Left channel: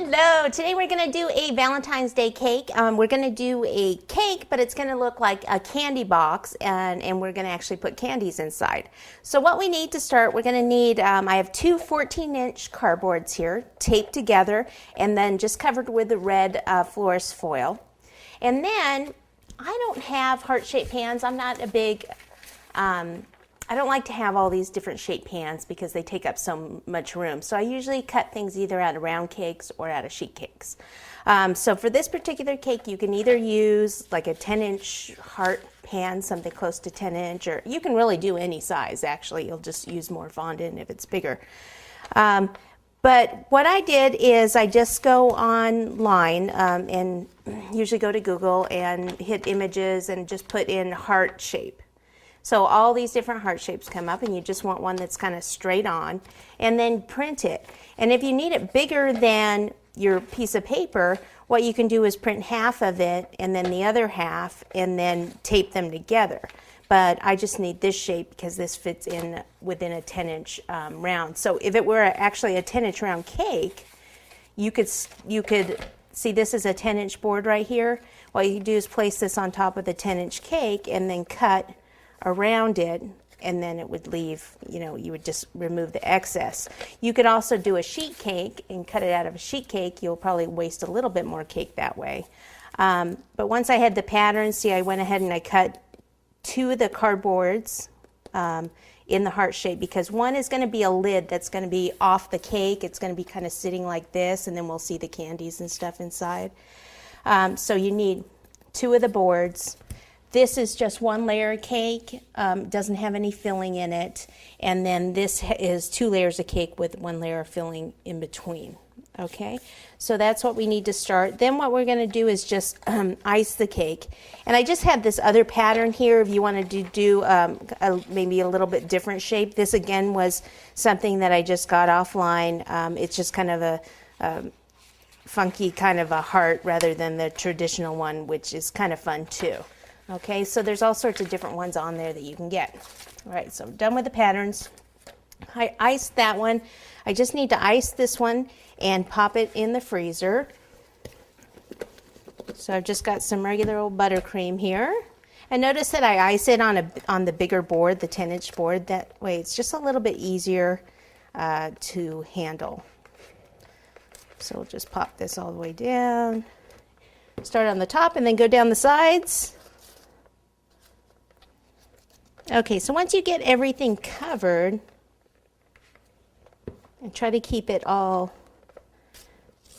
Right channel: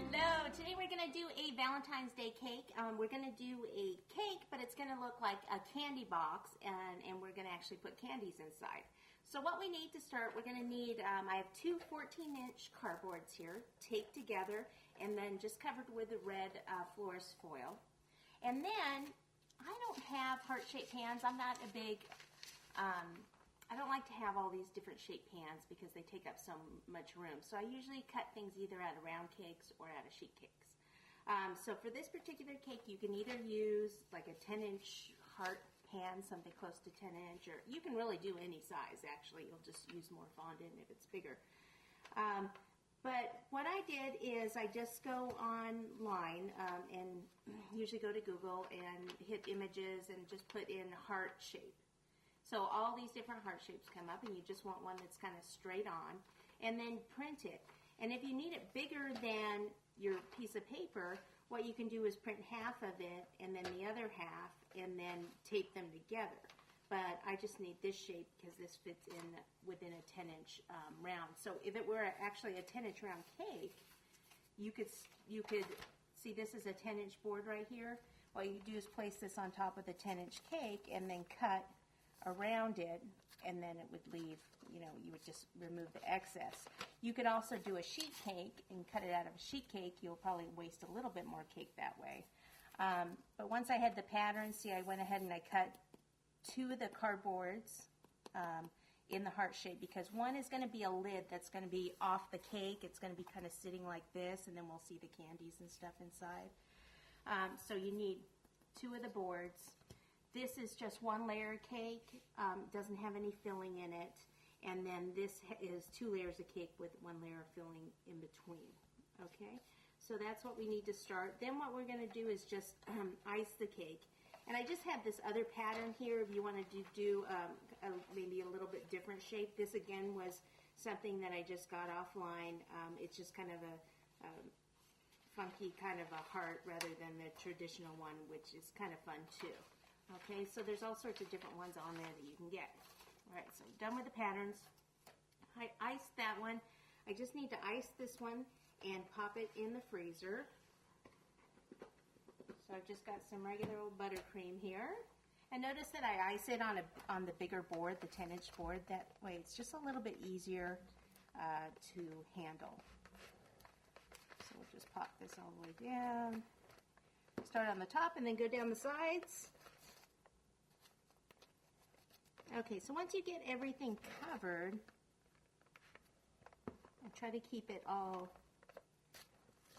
Hello, today we're going to do a Valentine's Day cake. We're going to do a cake, but it's going to look like a candy box, and we're going to actually put candies inside. So what we need to start, we're going to need, I have two 14-inch cardboards here, taped together, and then just covered with the red florist foil. And then, I don't have heart-shaped pans. I'm not a big, I don't like to have all these different shaped pans because they take up so much room. So I usually cut things either out of round cakes or out of sheet cakes. So for this particular cake, you can either use like a 10-inch heart pan, something close to 10-inch, or you can really do any size actually. You'll just use more fondant if it's bigger. But what I did is I just go online and usually go to Google and hit images and just put in heart shape. So all these different heart shapes come up, and you just want one that's kind of straight on, and then print it. And if you need it bigger than your piece of paper, what you can do is print half of it and then the other half and then tape them together. But I just need this shape because this fits in within a 10-inch round. So if it were actually a 10-inch round cake, you could see this is a 10-inch board right here. What you can do is place this on top of the 10-inch cake and then cut around it, and then it would leave, you would just remove the excess. You could also do a sheet cake and cut it out of a sheet cake. You'll probably waste a little bit more cake that way. But once I had the pattern, see, I went ahead and I cut two of the cardboards in the heart shape, because one is going to be a lid that's going to be off the cake. It's going to be kind of sitting like this, and then we'll see the candies and stuff inside. So you need two of the boards. This is just one layer of cake, doesn't have any filling in it, and then this is 2 layers of cake with 1 layer of filling in between. Okay, so that's what we need to start. Then what we're going to do is just ice the cake. And I just have this other pattern here if you wanted to do maybe a little bit different shape. This again was something that I just got offline. It's just kind of a funky kind of a heart rather than the traditional one, which is kind of fun too. Okay, so there's all sorts of different ones on there that you can get. All right, so I'm done with the patterns. I iced that one. I just need to ice this one and pop it in the freezer. So I've just got some regular old buttercream here. And notice that I ice it on the bigger board, the 10-inch board. That way it's just a little bit easier to handle. So we'll just pop this all the way down. Start on the top and then go down the sides. Okay, so once you get everything covered, and try to keep it all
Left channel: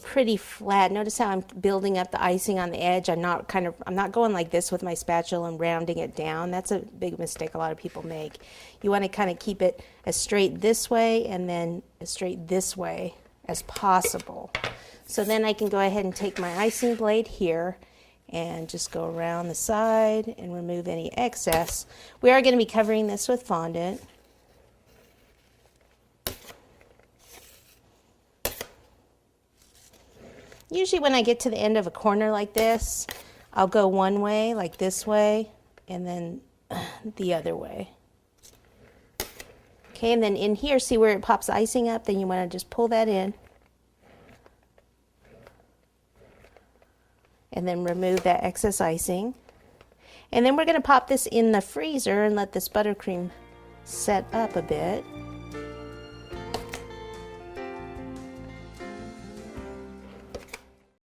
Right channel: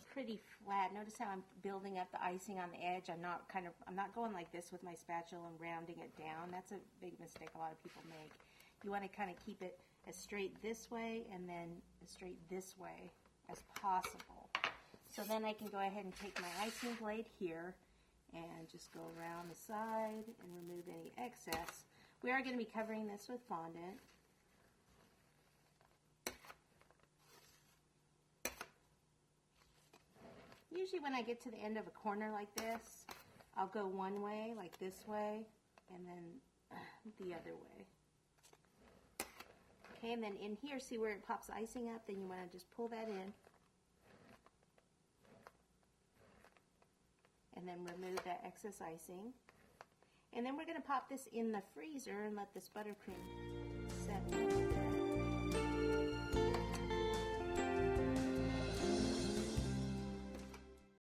pretty flat. Notice how I'm building up the icing on the edge. I'm not going like this with my spatula and rounding it down. That's a big mistake a lot of people make. You want to kind of keep it as straight this way and then as straight this way as possible. So then I can go ahead and take my icing blade here and just go around the side and remove any excess. We are going to be covering this with fondant. Usually when I get to the end of a corner like this, I'll go one way, like this way, and then the other way. Okay, and then in here, see where it pops icing up? Then you want to just pull that in. And then remove that excess icing. And then we're going to pop this in the freezer and let this buttercream set up a bit.